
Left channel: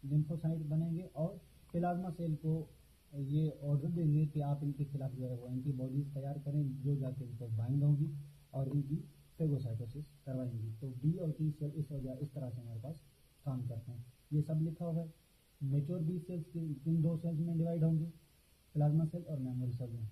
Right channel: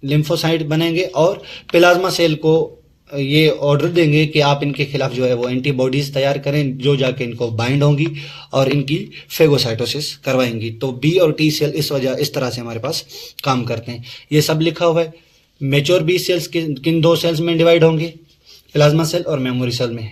लिम्फोसाइट बनेंगे और प्लाज्मा सेल को ये ऑर्डर देंगे कि आप इनके खिलाफ जो है वो एंटीबॉडीज तैयार करें, जो जाके इनको बाइंड होंगी और इनकी फेगोसाइटोसिस करवाएंगी। तो बी और टी सेल इस तरह से हमारे पास काम करते हैं। ये सब लिखा हुआ है। मेच्योर बी सेल्स किन दो सेल्स में डिवाइड होंगे? प्लाज्मा सेल और मेमोरी सेल में।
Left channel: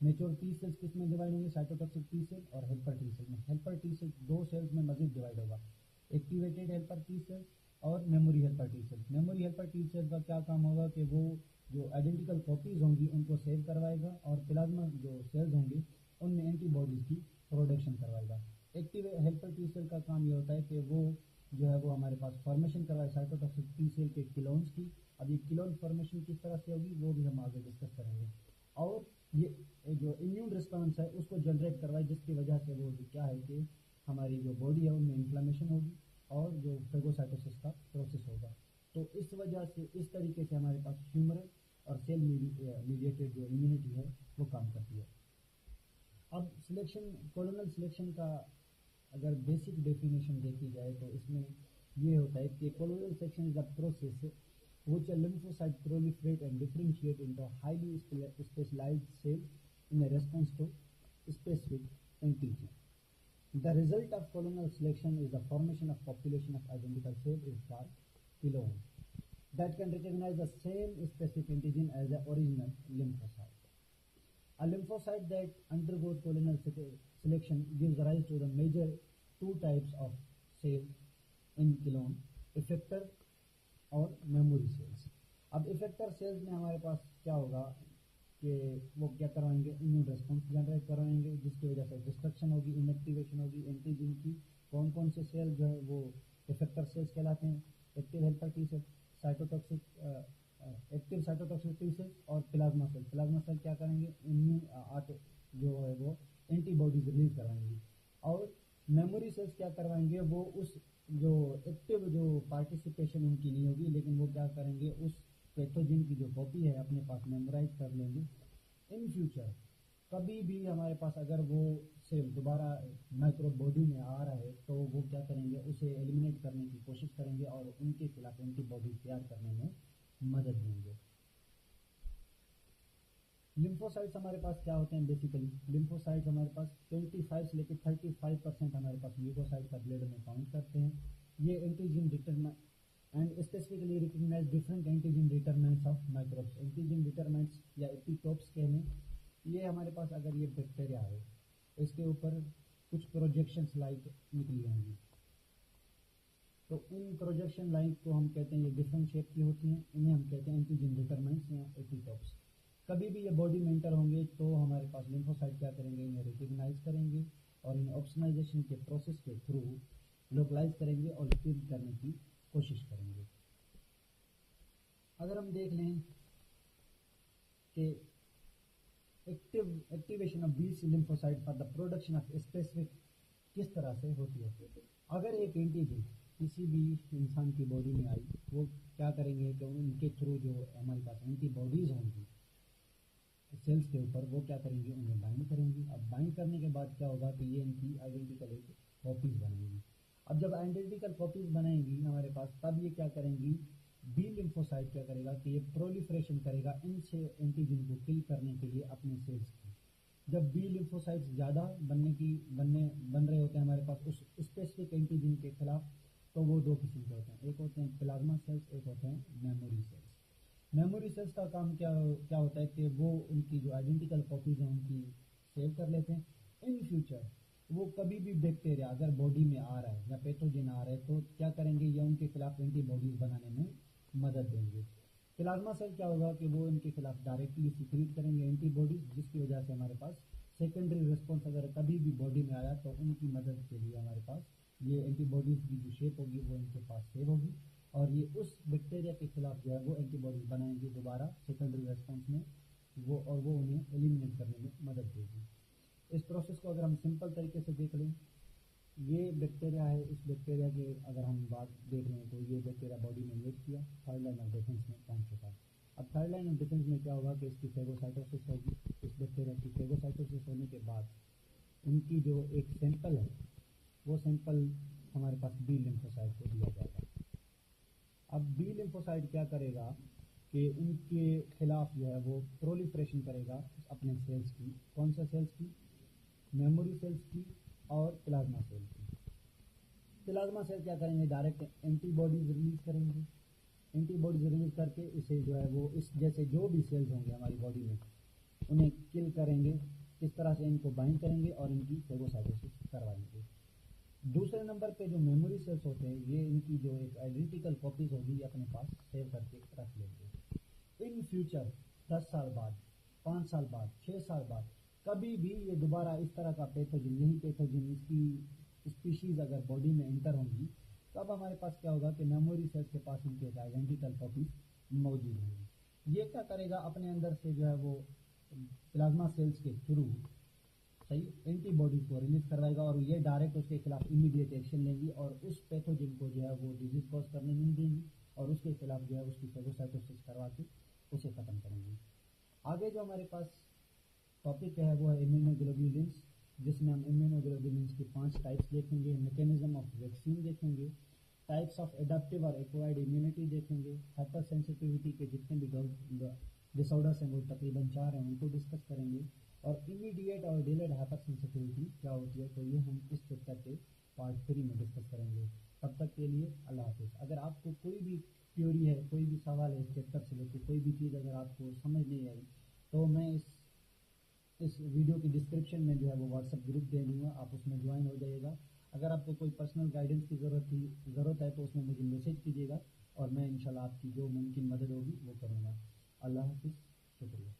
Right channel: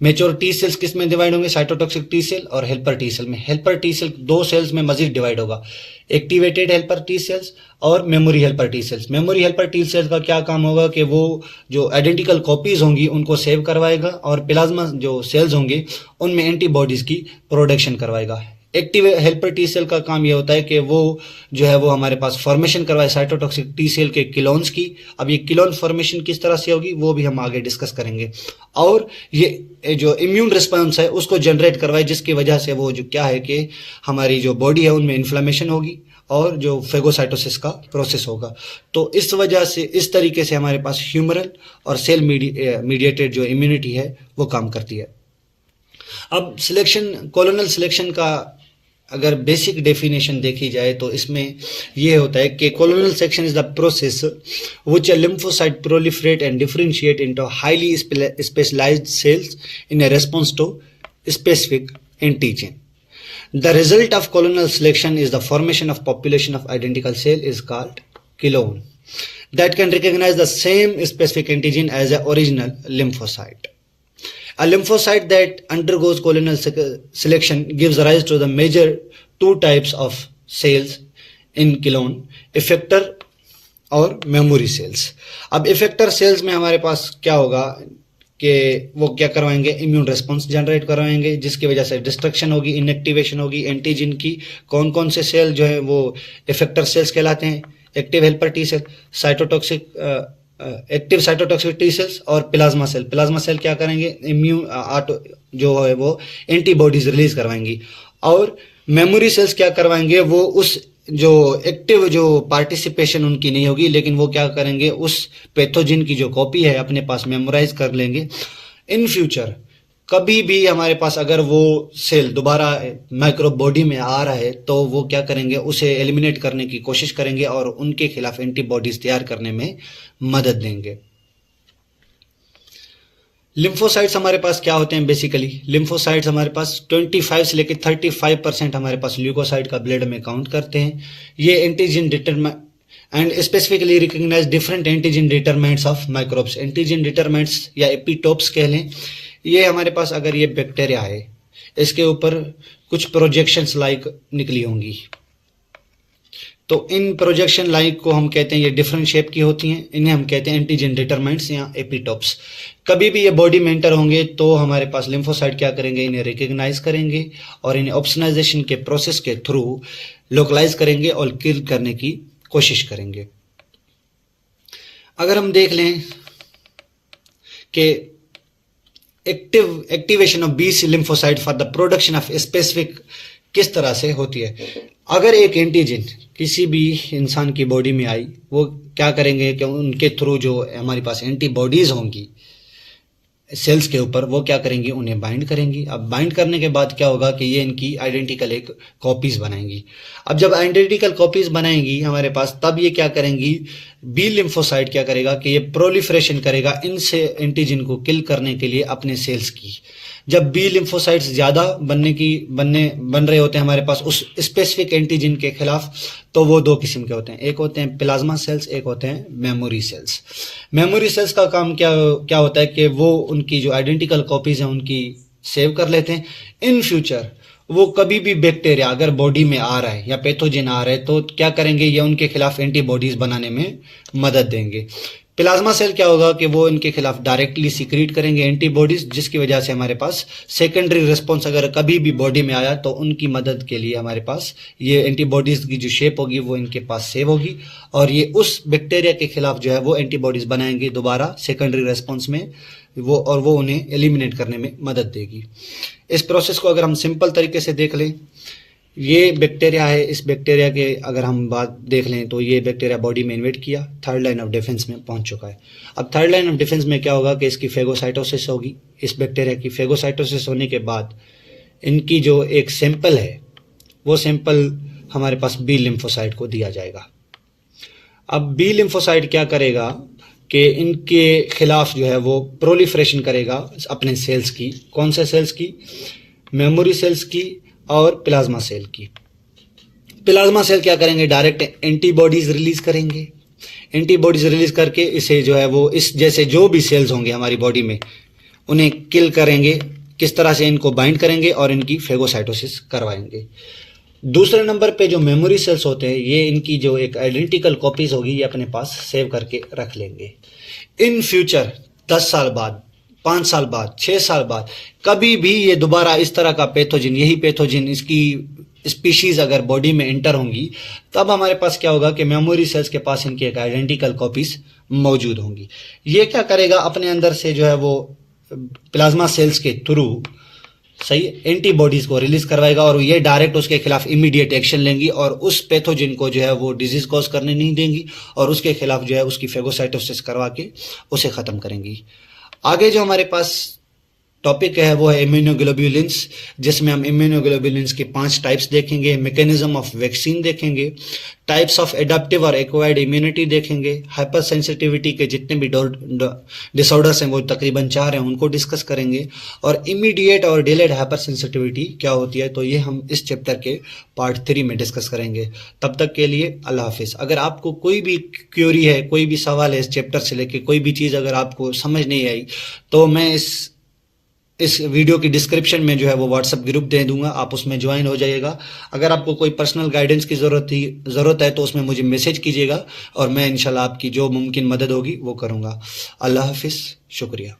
मेच्योर टी सेल्स किस में डिवाइड होंगे? साइटोटॉक्सिक टी सेल और हेल्पर टी सेल में। हेल्पर टी सेल दो सेल्स में मजीद डिवाइड होगा, एक्टिवेटेड हेल्पर टी सेल्स और memory helper T sales. Memory helper T sales का क्या काम होगा कि वो जो आइडेंटिकल कॉपीज होंगी उनको सेव करवाएगा, और प्लाज्मा जो सेल्स होंगे उनमें एंटीबॉडीज की प्रोडक्शन करवाएगा। एक्टिव हेल्पर टी सेल का काम ये होता है कि वो जो है वो हमारे पास फॉर्मेशन करवाए साइटोटॉक्सिक टी सेल के किलोन्स की। अब ये किलोन फॉर्मेशन किस तरह से होगी वो भी हम आगे डिस्कस करेंगे, और ये जो इम्यून रिस्पांस है उसको जनरेट करवाए, जिसकी वजह से वो जो क्या है कि हमारी जो बॉडी है उनमें इन्फ्लेमेशन होगी और जो फेगोसाइटोसिस का प्रोसेस होगा। तो इस वजह से इस तरीके से हमारे पास ह्यूमरल और सेल मीडिएटेड जो इम्यूनिटी है वो काम करती है। अब कोलोनल सिलेक्शन का अगर बेसिक डेफिनेशन देखी जाए तो इसमें यह होता है कि clonal section is the process which a lymphocyte proliferate and differentiate into highly specialised cells in a response to specific antigen. The result of colonal selection is the formation of population of identical cell is called clone that can recognize the same specific antigen as the original lymphocyte. A lymphocyte that undergoes colonal selection gives rise to the major two types of cells in clone, effector और memory cells. अब effector cells में हमारे पास क्या होगा कि वो क्या करवाएंगे, इम्यून रिस्पांस जनरेट करवाएंगे, जिसकी वजह से डिस्ट्रक्शन होगी, इनएक्टिवेशन होगी एंटीजन की। कौन कौन से सेल जो है वो इफेक्टर सेल्स कहलाते हैं? Active helper T cell, active cytotoxic T cells और प्लाज्मा सेल। प्लाज्मा सेल क्या करेंगे, जो है वो एंटीबॉडीज रिलीज करवाएंगी, और मेमोरी सेल्स क्या करवाएंगे, वो उस जो एक्टिव जो पार्टिसिपेशन उनकी नहीं होगी, लेकिन वो क्या करेंगे, उस पैथोजन की जो कॉपी है अपने पास मेमोराइज कर लेंगे। इन फ्यूचर कभी भी हमारे पास अगर वो सेल दोबारा माइक्रोब बॉडी में आ रहा है तो वो क्या करेंगे, उसे एलिमिनेट करने की कोशिश करेंगे और उनके खिलाफ एंटीबॉडीज तैयार करने में मदद देंगे। लिम्फोसाइट्स हमारे पास क्या होते हैं? बेसिकली लिम्फोसाइट्स हमारे पास 25 से लेकर 35% हमारे पास ल्यूकोसाइट का ब्लड में काउंट करते हैं। ये antigen determinant and specifically recognise different antigen determinants of microbes. Antigen determinants या एपिटोप्स कह लें। ये हमारे पास अगर ये बैक्टीरिया है, इसके ऊपर कुछ प्रोजेक्शंस लाइक निकली होंगी, तो इन प्रोजेक्शन लाइक को हम कहते हैं, ये डिफरेंट शेप की होती हैं, इन्हें हम कहते हैं एंटीजन डिटरमिनेंट्स या एपिटोप्स। कभी भी ये बॉडी में एंटर होंगे तो हमारे पास लिम्फोसाइट क्या करेंगे, इन्हें रिकॉग्नाइज करेंगे और इन्हें ऑप्सनाइजेशन के प्रोसेस के थ्रू लोकलाइज करेंगे और किल करने की कोशिश करेंगे। अगर हम देख लें कि activation of B lymphocyte for the production of specific किस तरह से होती है। अगर एक एंटीजन किसी भी इंसान की बॉडी में आई, वो क्या करेंगे कि उनके थ्रू जो हमारे पास एंटीबॉडीज होंगी सेल्स के ऊपर, वो क्या करेंगी, उन्हें बाइंड करेंगी। अब बाइंड करने के बाद क्या होगा कि ये इनकी आइडेंटिकल एक कॉपीज बनाएंगी। अब जब आइडेंटिकल कॉपीज बनाएंगी हमारे पास, तब ये क्या करेंगी, बी लिम्फोसाइट क्या करेगा कि ये प्रोलिफरेशन करेगा इनसे एंटीजन को किल करने के लिए अपने सेल्स की। जब बी लिम्फोसाइट्स ज़्यादा बन रहे होते हैं हमारे पास उस स्पेसिफिक एंटीजन के खिलाफ, तो वो दो किस्म के होते हैं, एक होते हैं प्लाज्मा सेल्स, एक होते हैं मेमोरी सेल्स। मेमोरी सेल्स का काम क्या होता है कि वो उनकी जो आइडेंटिकल कॉपीज हैं उनकी सेव कर लेते हैं। इन फ्यूचर वो कभी भी बैक्टीरिया अगर बॉडी में आ रहा है या पैथोजन आ रहा है तो क्या करेंगे, ये उनके खिलाफ एंटीबॉडीज बनाने में मदद देंगे। प्लाज्मा सेल क्या होगा कि वो इनके खिलाफ डायरेक्टली सीक्रेट करेंगे एंटीबॉडीज, जिसकी वजह से हमारे पास सेकेंडरी रिस्पॉन्स अगर कभी भी बॉडी में आया तो उनकी मदद के लिए हमारे पास ये एंटीबॉडीज की जो शेप होगी वो इनके पास सेव होगी और ये उस बैक्टीरिया के खिलाफ जो है वो एंटीबॉडीज बनाएंगे दोबारा सेकेंडरी रिस्पॉन्स में, वो उन्हें एलिमिनेट करने में मदद देगी। इस प्रोसेस को अगर हम सिंपल तरीके से देख लें, ये बैक्टीरिया है, इस बैक्टीरिया के अगर हम बात देख लें तो ये बैक्टीरिया बॉडी में इन्वेट किया, थर्ड लाइन ऑफ डिफेंस में पहुंच चुका है। अब थर्ड लाइन ऑफ डिफेंस में क्या होगा कि इसकी फेगोसाइटोसिस होगी। इस बैक्टीरिया की फेगोसाइटोसिस होने के बाद इनकी जो एक सैंपल है वो सैंपल हमारे पास बी लिम्फोसाइट को दिया जाएगा। अब बी लिम्फोसाइट क्या करेगा कि इनके खिलाफ जो है वो प्रोलिफरेशन करेगा अपने सेल्स की। कौन से सेल्स की? मेमोरी सेल्स की और प्लाज्मा सेल की। प्लाज्मा सेल क्या करेंगे, डायरेक्ट एंटीबॉडीज रिलीज करेंगे। एंटीबॉडीज रिलीज करके इसे जो है वो इस जैसे जो भी सेल्स होंगे हमारी बॉडी में उन्हें किल करेंगे। किस तरह से? इनको बाइंड करेंगे और इनकी फेगोसाइटोसिस करवाएंगे। दूसरे नंबर पे जो मेमोरी सेल्स होते हैं, ये इनकी जो एक आइडेंटिकल कॉपीज होगी ये अपने पास सेव करके रख लेंगे। इन फ्यूचर 10 साल बाद, 5 साल बाद, 6 साल बाद कभी भी ये दोबारा इस तरह का पैथोजन, यही पैथोजन इसकी स्पीशीज अगर बॉडी में एंटर होंगी, तब हमारे पास क्या होगा कि मेमोरी सेल्स के पास इनकी एक आइडेंटिकल कॉपीज मौजूद होंगी। ये क्या करेगा, अपने अंदर से जो है वो प्लाज्मा सेल्स के थ्रू सही एंटीबॉडीज को रिलीज करवाएगा और ये डायरेक्ट उसके खिलाफ इमीडिएट एक्शन लेंगी और उस पैथोजन को जो है वो डिजीज कॉज करने नहीं देंगी और उसके खिलाफ जो है उसकी फेगोसाइटोसिस करवा के उसे खत्म करेंगी। आगे जो हमारे पास टॉपिक है वो है इम्यूनोग्लोब्युलिन्स, जिसमें हम इम्यूनोग्लोब्युलिन्स के 5 टाइप्स देखेंगे, मैकेनिज्म ऑफ वैक्सीन देखेंगे, टाइप्स ऑफ एडाप्टिव और एक्वायर्ड इम्यूनिटी देखेंगे, हाइपर सेंसिटिविटी के जितने भी डिसऑर्डर्स हैं वो तकरीबन 4 हैं उनको डिस्कस करेंगे और इमीडिएट और डिलेड हाइपर सेंसिटिविटी क्या होती है तो ये हम इस चैप्टर के पार्ट 3 में डिस्कस करेंगे। तब तक के लिए अल्लाह हाफिज़। अगर आपको कोई भी क्वेरी है, कोई भी सवाल है इस चैप्टर से लेके, कोई भी चीज़ अगर आपको समझ नहीं आई तो मैं इस वीडियो की डिस्क्रिप्शन में जो है वो व्हाट्सएप ग्रुप दे दूंगा, आप उसमें ज्वाइन हो जाइएगा। अगर आपको कोई पर्सनल गाइडेंस की ज़रूरत है तो उसमें मुझे मैसेज कीजिएगा और मैं इंशाल्लाह आपकी जो मुमकिन मदद होगी वो करूँगा। अल्लाह हाफिज़, शुक्रिया।